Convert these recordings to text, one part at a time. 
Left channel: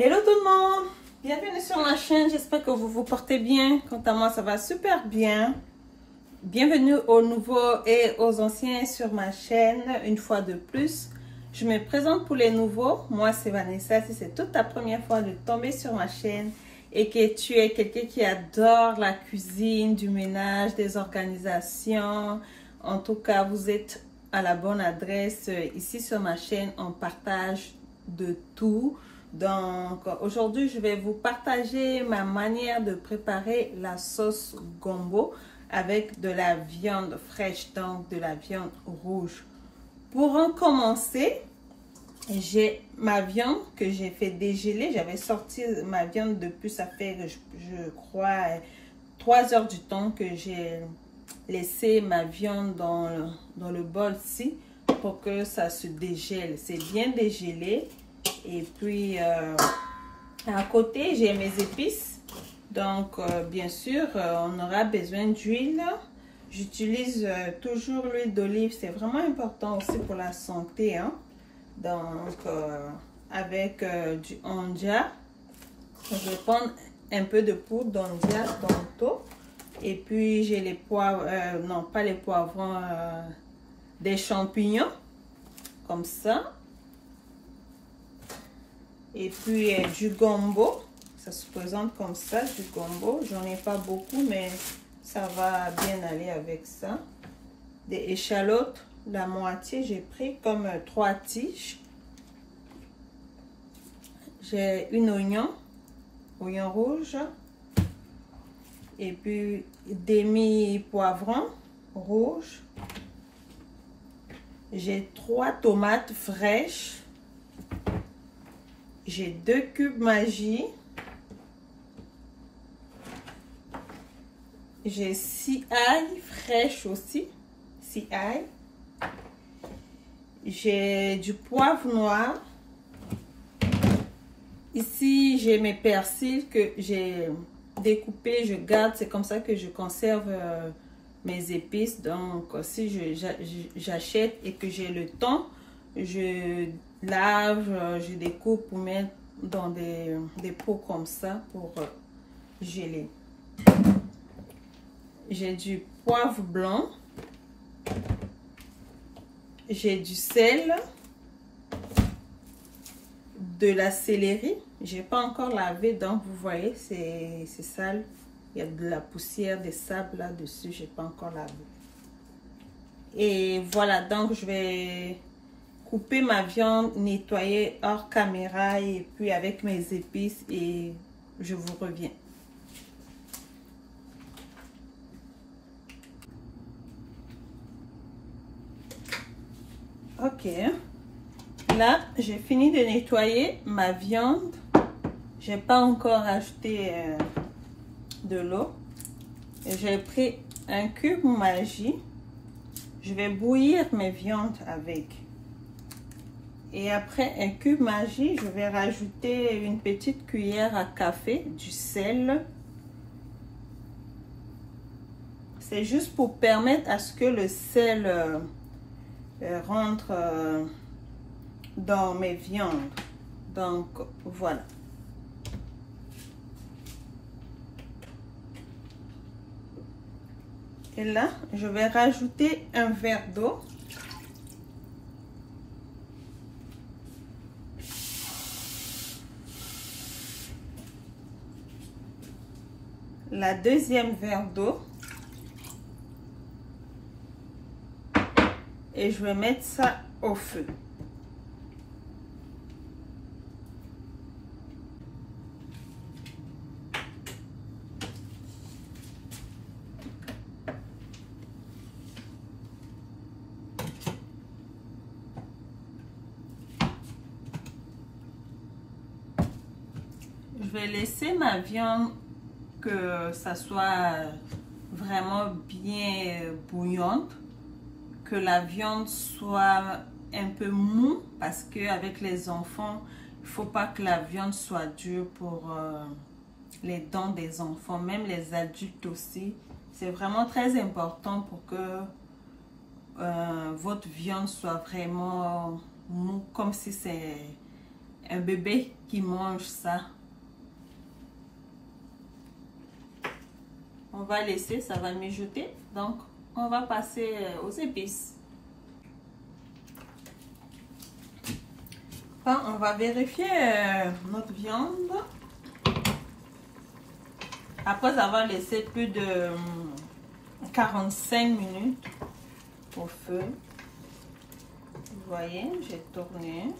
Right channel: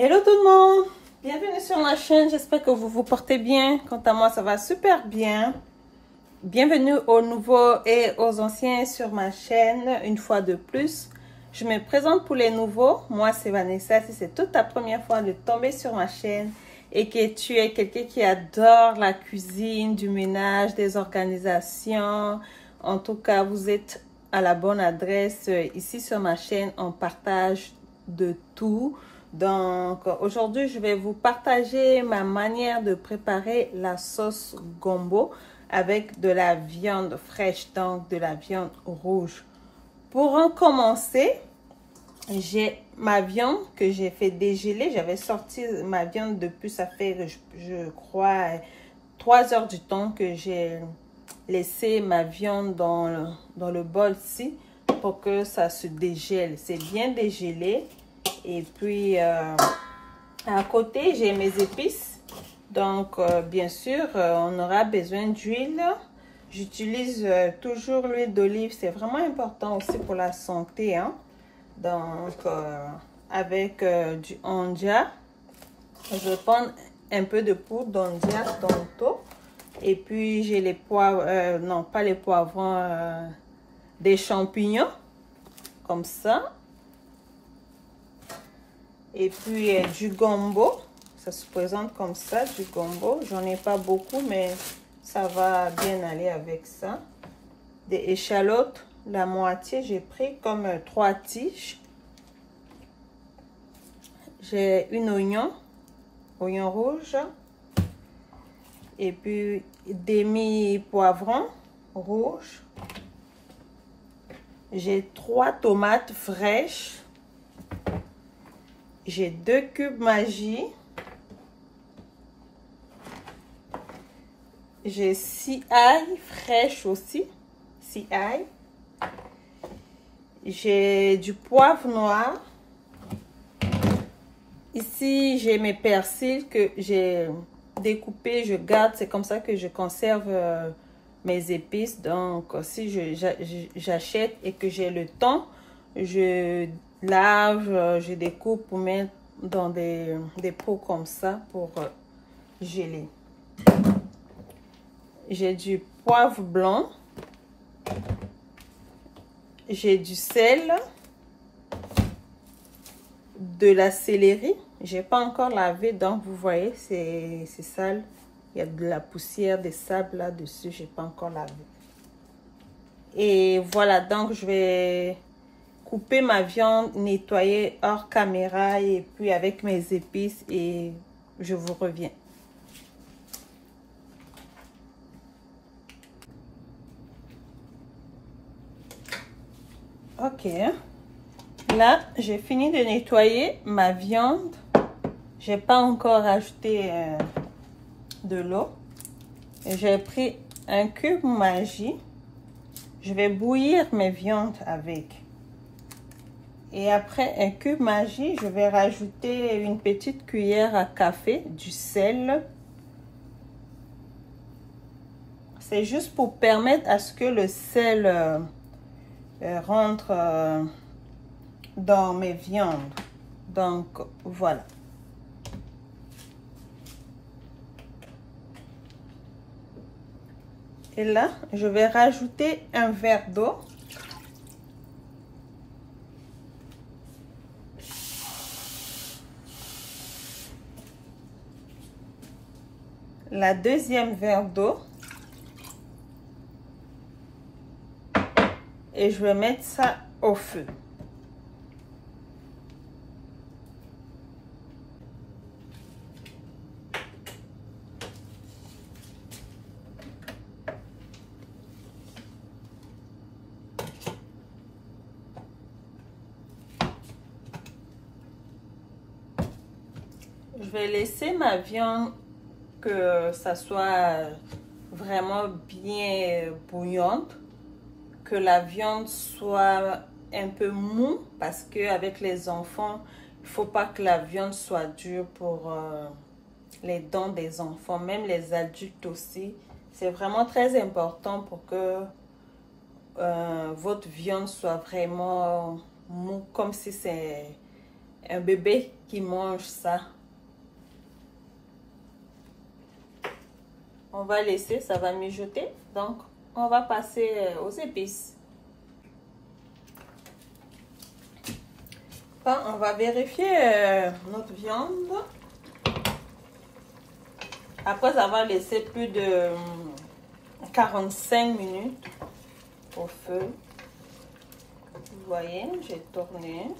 Hello tout le monde, bienvenue sur ma chaîne, j'espère que vous vous portez bien. Quant à moi, ça va super bien. Bienvenue aux nouveaux et aux anciens sur ma chaîne une fois de plus. Je me présente pour les nouveaux, moi c'est Vanessa. Si c'est toute ta première fois de tomber sur ma chaîne et que tu es quelqu'un qui adore la cuisine, du ménage, des organisations, en tout cas vous êtes à la bonne adresse. Ici sur ma chaîne, on partage de tout. Donc aujourd'hui, je vais vous partager ma manière de préparer la sauce gombo avec de la viande fraîche, donc de la viande rouge. Pour en commencer, j'ai ma viande que j'ai fait dégeler. J'avais sorti ma viande depuis, ça fait, je crois, 3 heures du temps que j'ai laissé ma viande dans le bol-ci pour que ça se dégèle. C'est bien dégelé. Et puis, à côté, j'ai mes épices. Donc, bien sûr, on aura besoin d'huile. J'utilise toujours l'huile d'olive. C'est vraiment important aussi pour la santé. Hein? Donc, avec du onja. Je vais prendre un peu de poudre d'onja tantôt. Et puis, j'ai les poivrons, non, pas les poivrons, des champignons. Comme ça. Et puis du gombo, ça se présente comme ça, du gombo. J'en ai pas beaucoup, mais ça va bien aller avec ça. Des échalotes, la moitié, j'ai pris comme 3 tiges. J'ai une oignon rouge. Et puis demi-poivron rouge. J'ai 3 tomates fraîches. J'ai 2 cubes Maggi. J'ai 6 ail fraîches aussi. 6 ail. J'ai du poivre noir. Ici, j'ai mes persils que j'ai découpés. Je garde. C'est comme ça que je conserve mes épices. Donc, si j'achète et que j'ai le temps, je lave, je découpe pour mettre dans des pots comme ça pour geler. J'ai du poivre blanc. J'ai du sel. De la céleri. J'ai pas encore lavé, donc vous voyez, c'est sale. Il y a de la poussière, des sables là-dessus. J'ai pas encore lavé. Et voilà, donc je vais couper ma viande, nettoyer hors caméra et puis avec mes épices et je vous reviens. Ok. Là, j'ai fini de nettoyer ma viande. J'ai pas encore ajouté de l'eau. J'ai pris un cube Maggi. Je vais bouillir mes viandes avec. Et après un cube Maggi, je vais rajouter une petite cuillère à café du sel. C'est juste pour permettre à ce que le sel rentre dans mes viandes. Donc voilà. Et là, je vais rajouter un verre d'eau. La deuxième verre d'eau. Et je vais mettre ça au feu. Je vais laisser ma viande que ça soit vraiment bien bouillante, que la viande soit un peu mou parce que avec les enfants, il faut pas que la viande soit dure pour les dents des enfants, même les adultes aussi. C'est vraiment très important pour que votre viande soit vraiment mou, comme si c'est un bébé qui mange ça. On va laisser, ça va mijoter. Donc, on va passer aux épices. Bon, on va vérifier notre viande. Après avoir laissé plus de 45 minutes au feu. Vous voyez, j'ai tourné.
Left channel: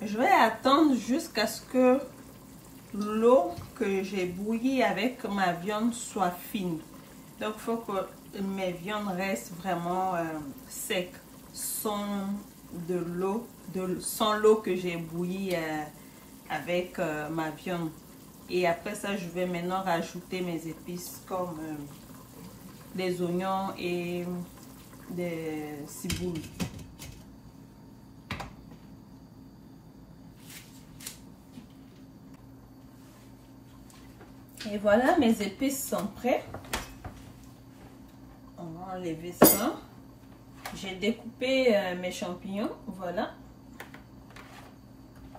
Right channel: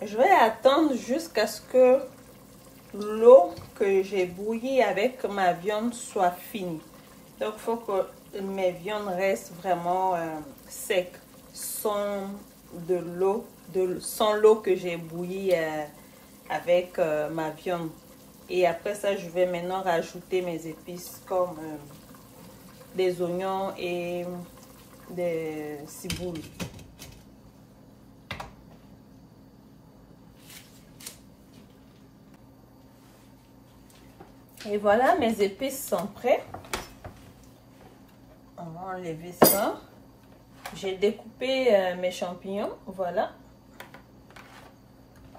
Je vais attendre jusqu'à ce que l'eau que j'ai bouillie avec ma viande soit finie. Donc, il faut que mes viandes restent vraiment secs, sans l'eau que j'ai bouillie avec ma viande. Et après ça, je vais maintenant rajouter mes épices comme des oignons et des ciboules. Et voilà, mes épices sont prêtes. On va enlever ça. J'ai découpé mes champignons, voilà.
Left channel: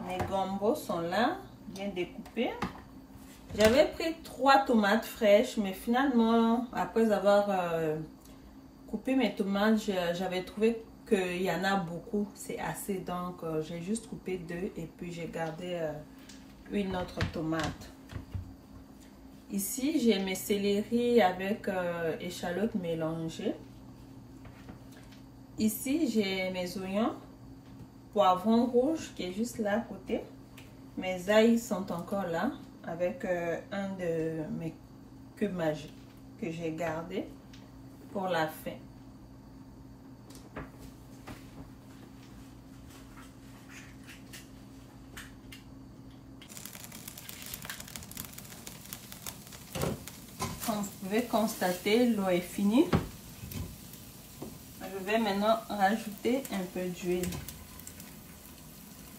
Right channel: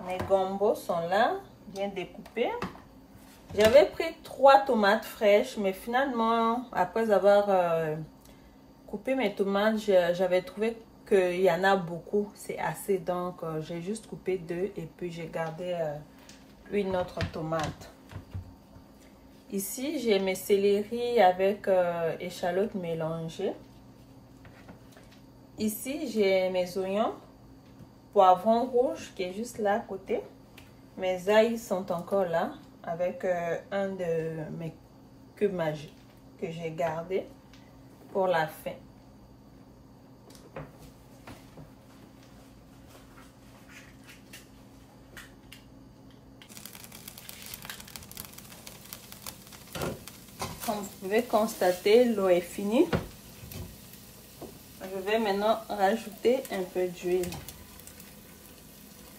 Mes gambos sont là, bien découpés. J'avais pris 3 tomates fraîches, mais finalement, après avoir coupé mes tomates, j'avais trouvé qu'il y en a beaucoup, c'est assez. Donc, j'ai juste coupé 2 et puis j'ai gardé une autre tomate. Ici, j'ai mes céleris avec échalotes mélangées. Ici, j'ai mes oignons, poivron rouge qui est juste là à côté. Mes ails sont encore là avec un de mes cubes magiques que j'ai gardé pour la fin. Comme vous pouvez constater, l'eau est finie. Je vais maintenant rajouter un peu d'huile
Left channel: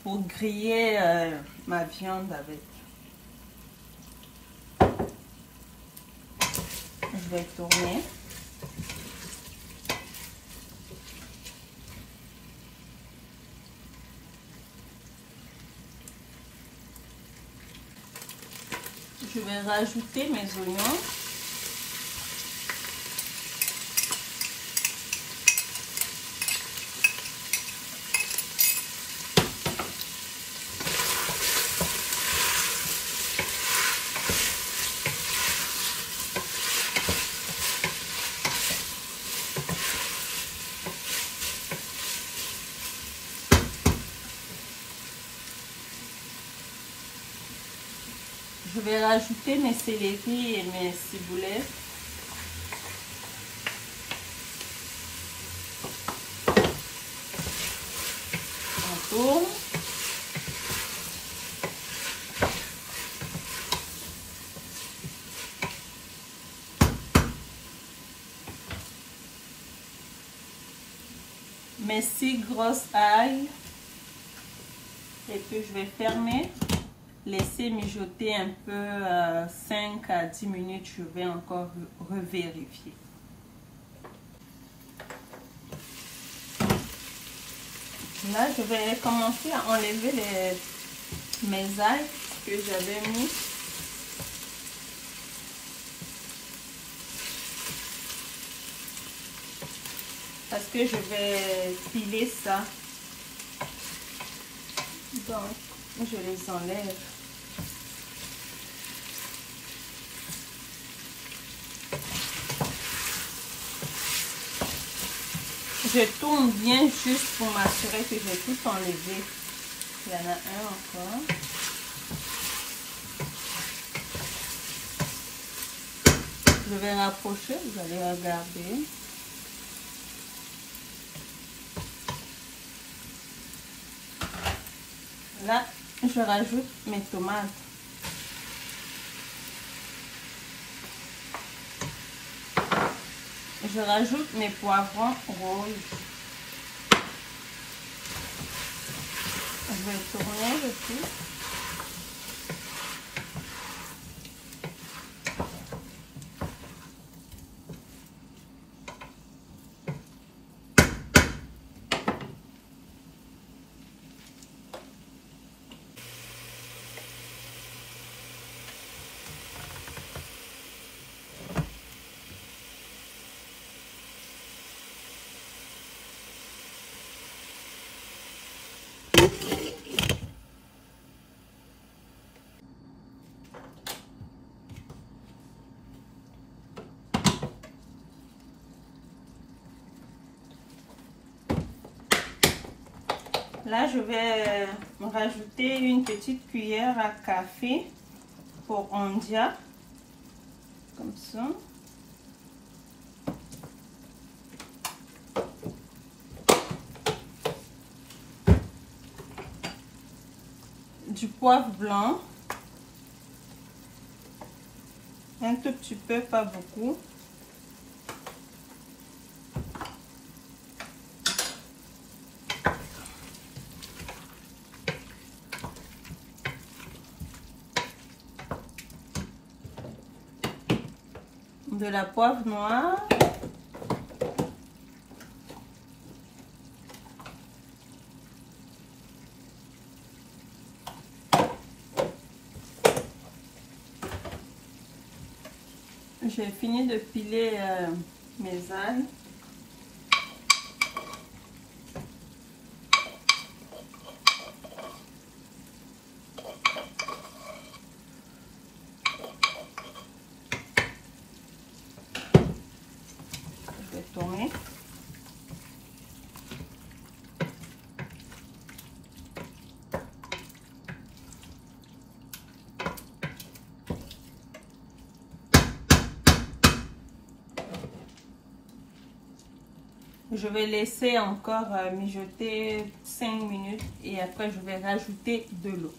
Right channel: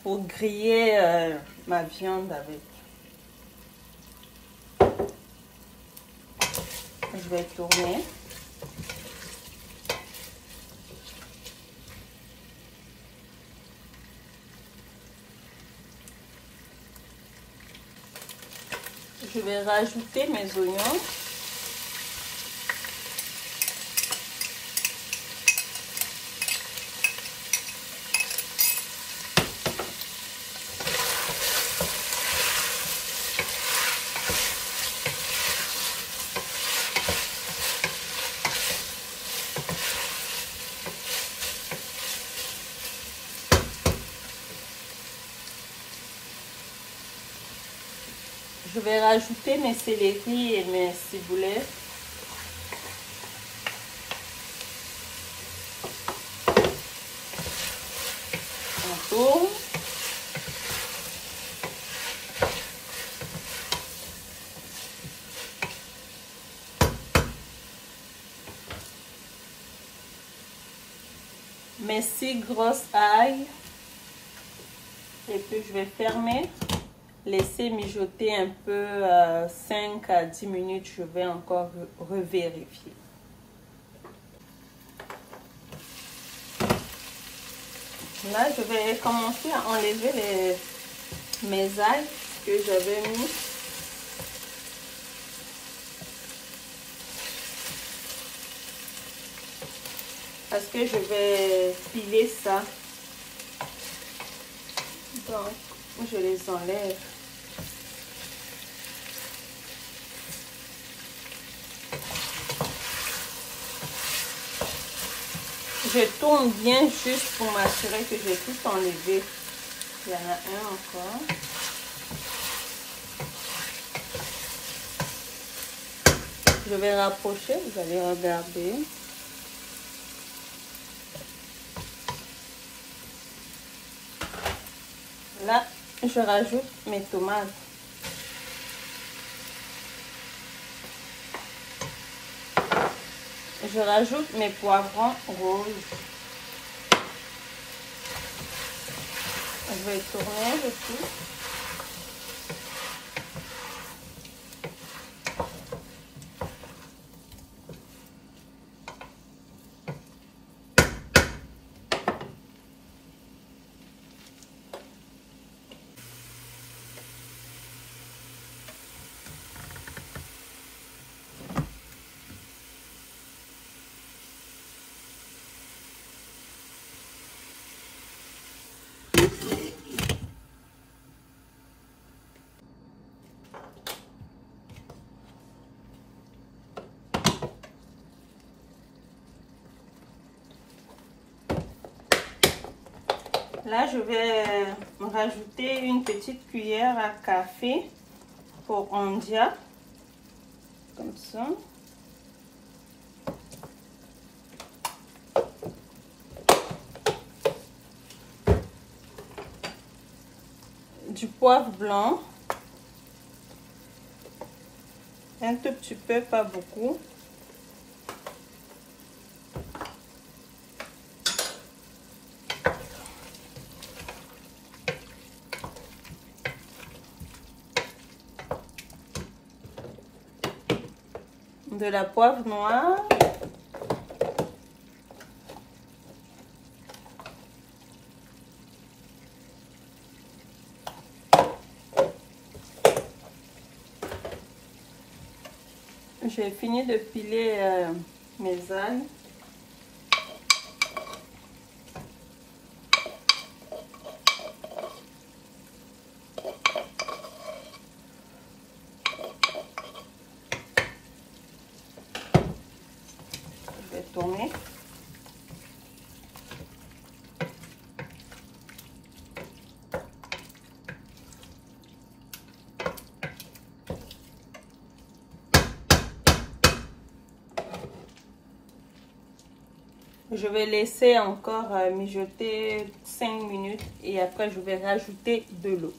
pour griller ma viande avec. Je vais tourner. Je vais rajouter mes oignons. Je vais rajouter mes céleris et mes ciboulets. On tourne. Mes 6 grosses ailles. Et puis je vais fermer. Laisser mijoter un peu 5 à 10 minutes, je vais encore revérifier. Là, je vais commencer à enlever mes ails que j'avais mis. Parce que je vais piler ça. Donc, je les enlève. Je tourne bien juste pour m'assurer que j'ai tout enlevé. Il y en a un encore. Je vais rapprocher, vous allez regarder. Là, je rajoute mes tomates. Je rajoute mes poivrons rouges. Je vais tourner le tout. Là, je vais rajouter une petite cuillère à café pour ondia, comme ça. Du poivre blanc, un tout petit peu, pas beaucoup. De la poivre noire. J'ai fini de piler mes algues. Je vais tourner. Je vais laisser encore mijoter 5 minutes et après je vais rajouter de l'eau.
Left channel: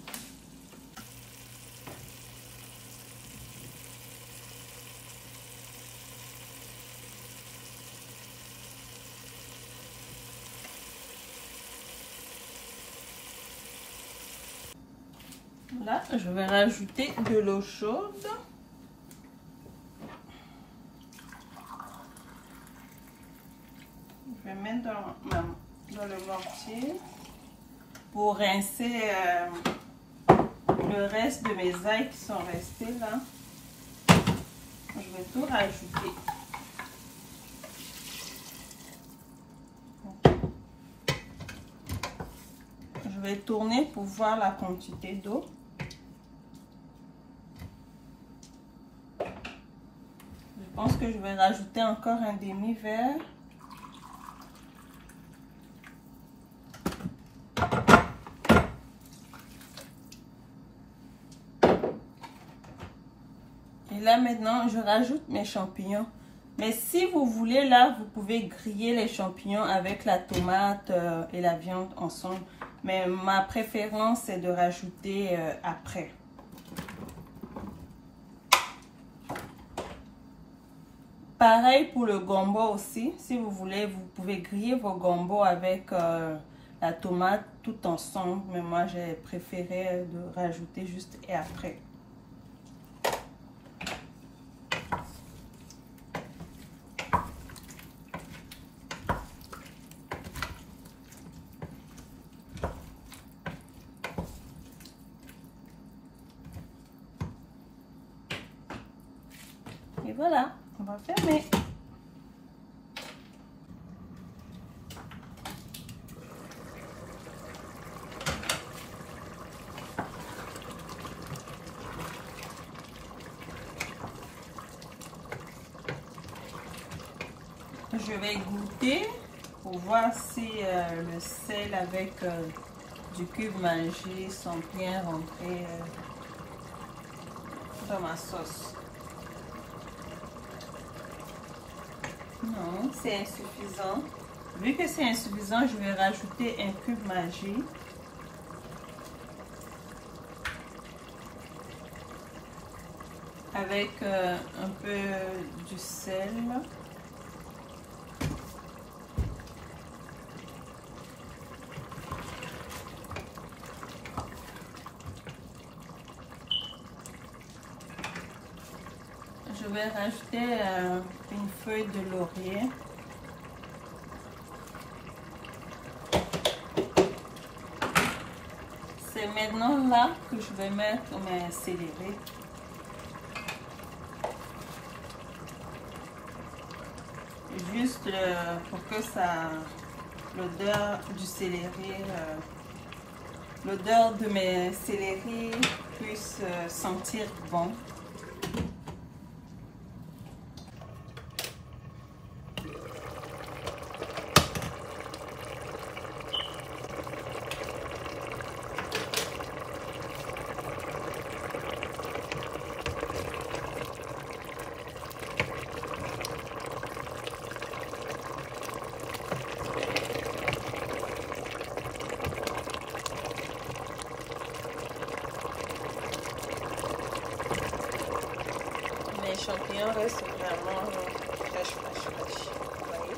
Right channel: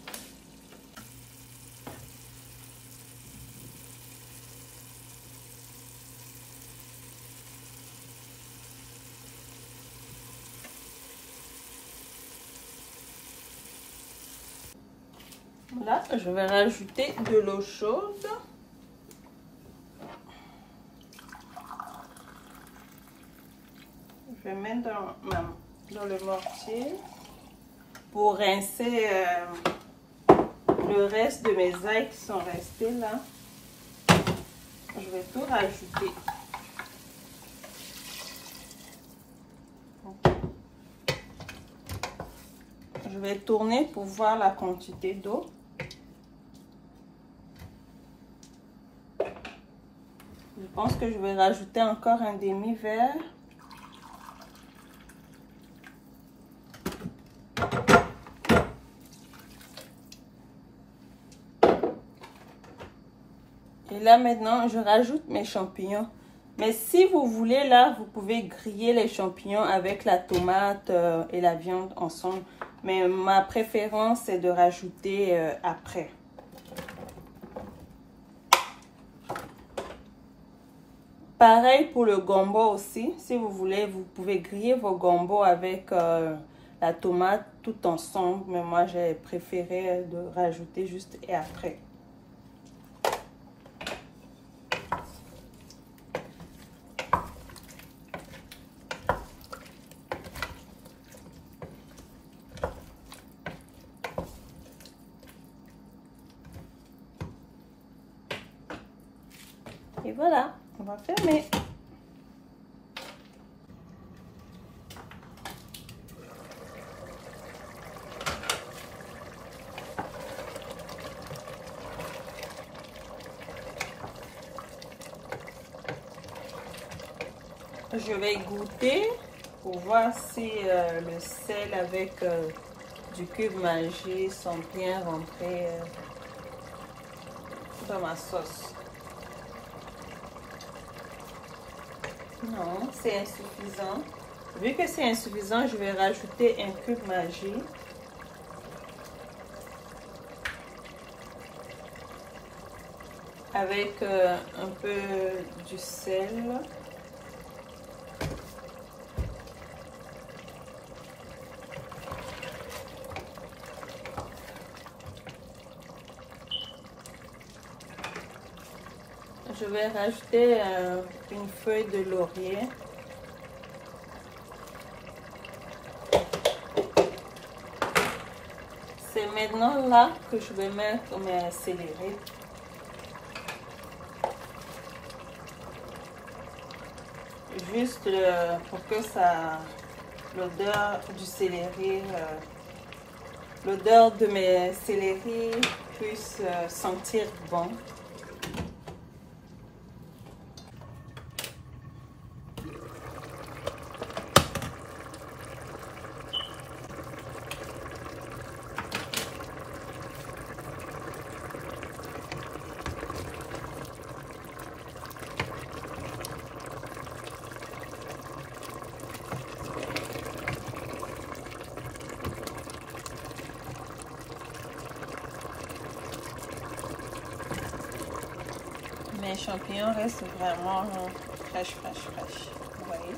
Là, je vais rajouter de l'eau chaude. Je vais mettre dans le mortier pour rincer le reste de mes algues qui sont restées là. Je vais tout rajouter. Je vais tourner pour voir la quantité d'eau. Je pense que je vais rajouter encore un demi-verre. Et là maintenant, je rajoute mes champignons. Mais si vous voulez, là, vous pouvez griller les champignons avec la tomate et la viande ensemble. Mais ma préférence, c'est de rajouter après. Pareil pour le gombo aussi. Si vous voulez, vous pouvez griller vos gombos avec la tomate tout ensemble. Mais moi, j'ai préféré de rajouter juste et après. Et voilà, on va fermer. Je vais goûter pour voir si le sel avec du cube Maggi sont bien rentrés dans ma sauce. Non, c'est insuffisant. Vu que c'est insuffisant, je vais rajouter un cube Maggi. Avec un peu du sel. Je vais rajouter une feuille de laurier. C'est maintenant là que je vais mettre mes céleri. Juste pour que ça, l'odeur du céleri, l'odeur de mes céleri puisse sentir bon. champignons restent vraiment fraîches. Vous voyez?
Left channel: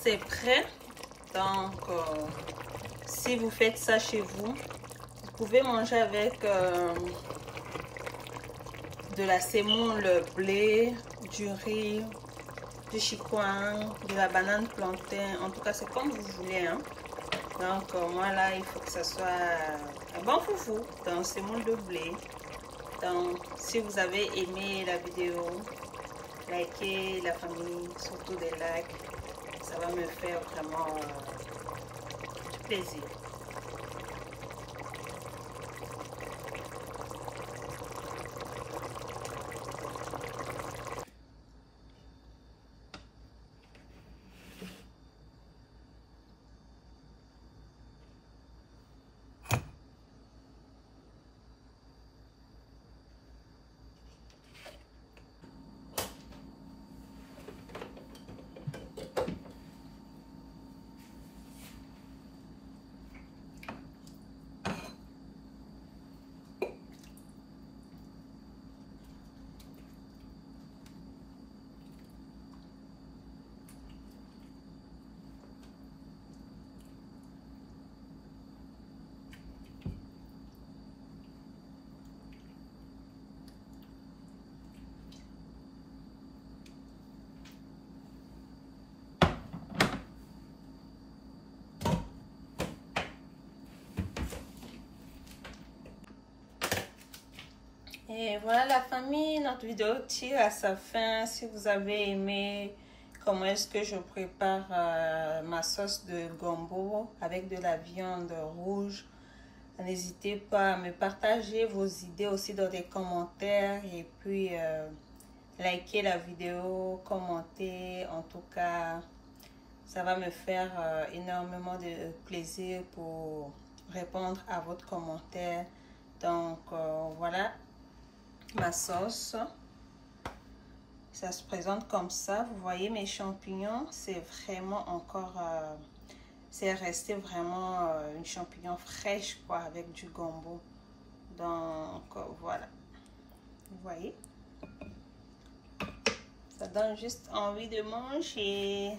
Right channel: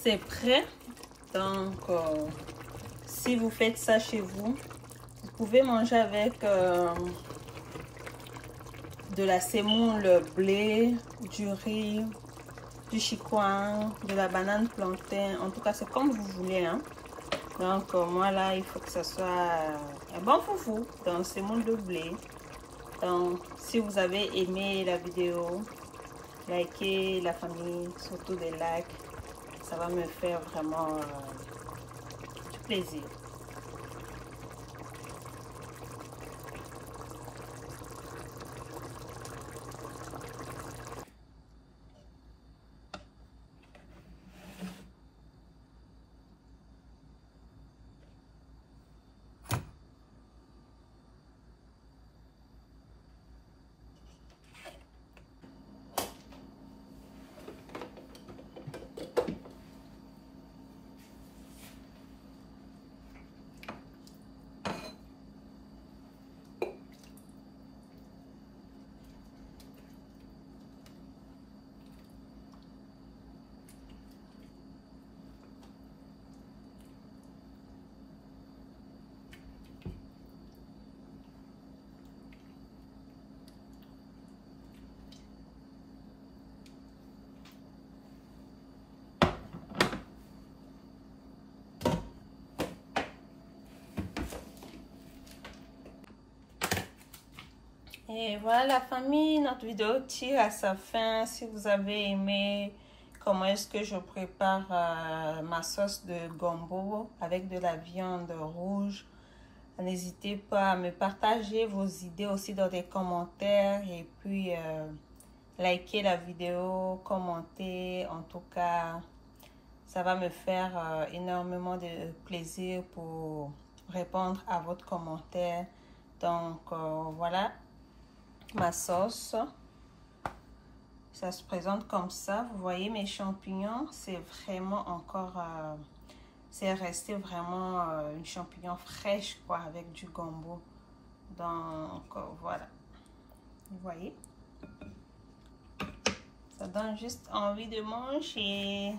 C'est prêt. Donc si vous faites ça chez vous, vous pouvez manger avec de la semoule, le blé, du riz, du chicoin, de la banane plantain. En tout cas, c'est comme vous voulez, hein. Donc moi là, il faut que ce soit un bon foufou dans semoule de blé. Donc si vous avez aimé la vidéo, likez la famille, surtout des likes. Ça va me faire vraiment du plaisir. Et voilà la famille, notre vidéo tire à sa fin. Si vous avez aimé comment est-ce que je prépare ma sauce de gombo avec de la viande rouge, n'hésitez pas à me partager vos idées aussi dans les commentaires et puis likez la vidéo, commentez. En tout cas, ça va me faire énormément de plaisir pour répondre à votre commentaire. Donc voilà ma sauce. Ça se présente comme ça. Vous voyez mes champignons, c'est vraiment encore c'est resté vraiment une champignon fraîche quoi, avec du gombo. Donc voilà, vous voyez, ça donne juste envie de manger.